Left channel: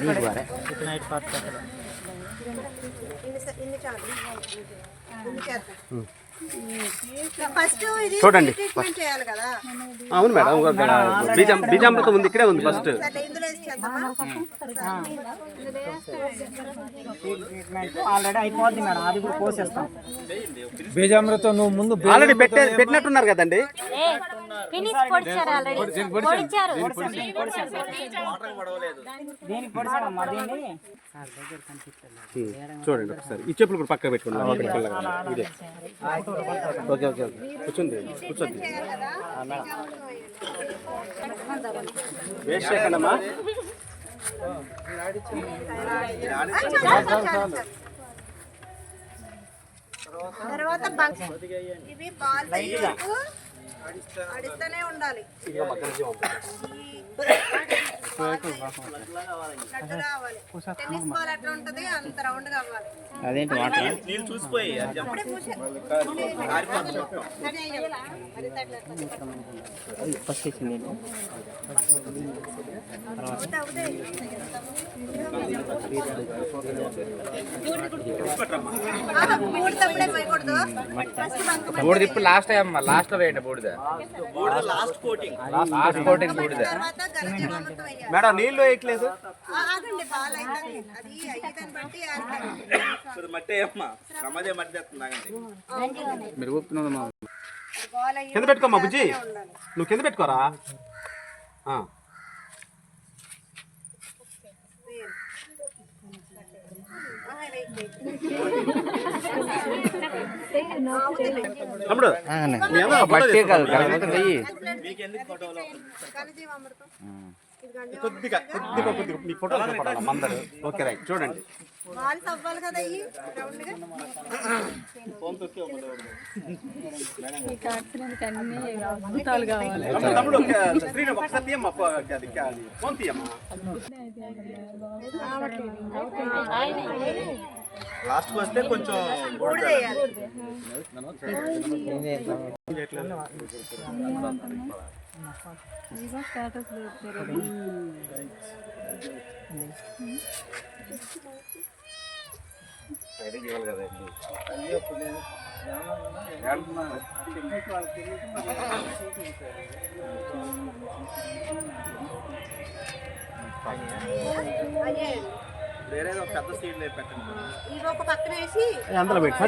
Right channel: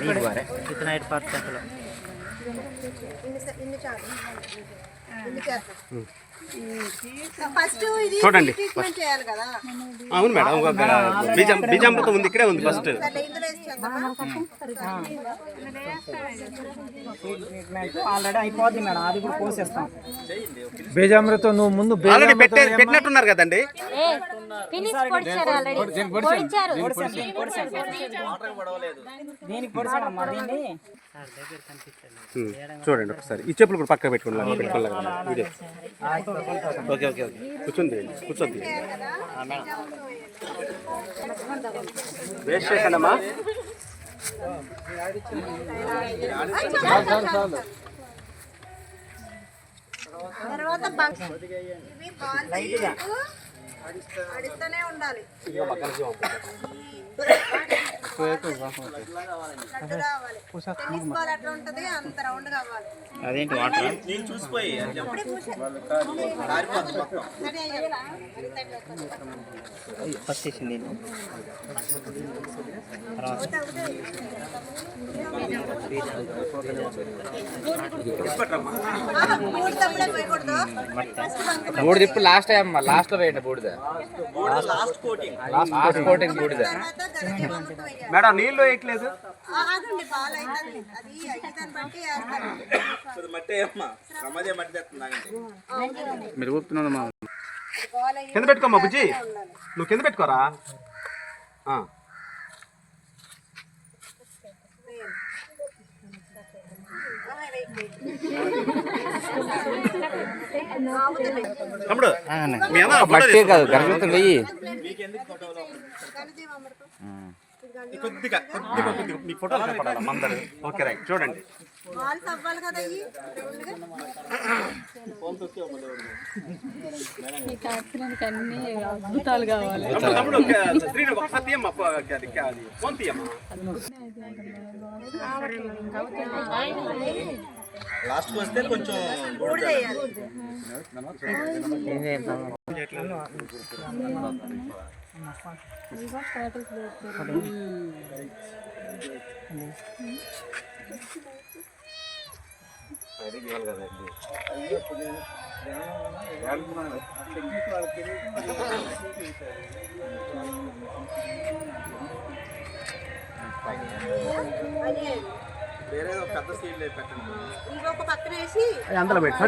इतना 8 पैसा చూడండి. అవును మేడం, బీజామృతం ఉంది, ఇక్కడే ఉంది ఫస్ట్. ఆల్రెడీ అయిపోద్ది మేడం, అది కూడా పోసేస్తాం. బీజామృతం నువ్వు ముందు ఆల్రెడీ పెట్టినట్టున్నారు కదండి. చూడండి ఒకసారి ఈ చెప్పులు కూడా పక్కన పెట్టుకున్నాను. ఇదే ఓకే ఓకే ఓకే కూర్చోండి కూర్చోండి. వేస్ట్ చేశానమ్మా. ఇవి బాల్ ఆడిస్తూనే ఉండాలి. టెన్నిస్ బాల్ ఎట్లా ఉంటది అంత రౌండ్ కావాలి. అదేంటి నీళ్ళు చూసిపోయి బూడిద ఇప్పుడు లాస్ట్ టైం లాస్ట్ లో వేయండి. బూడిద లాస్ట్ కోటింగ్ బూడిద. మేడం నీళ్ళు వేయట్లేదు. మట్టి అమ్మా రమదే మట్టి తెస్తుందండి. మీరు ఊపుతున్నది మా కింద పెట్టుకోమ్మా బుజ్జి, నువ్వు కింద పెట్టుకోరా. తమ్ముడు కాదు గణపతి వెయ్యి కొద్దిగా మీ ఫోటో అందరు. ఓకే రైట్ చూడండి. తమ్ముడు ఒకసారి తీయమ్మా, ఫోన్ తీయమ్మా. లాస్ట్ వస్తే కొంచెం వేరే పెద్ద సీడ్లు పెట్టండి. ఇవి ఒక పక్కన వేసి అందులో పెట్టి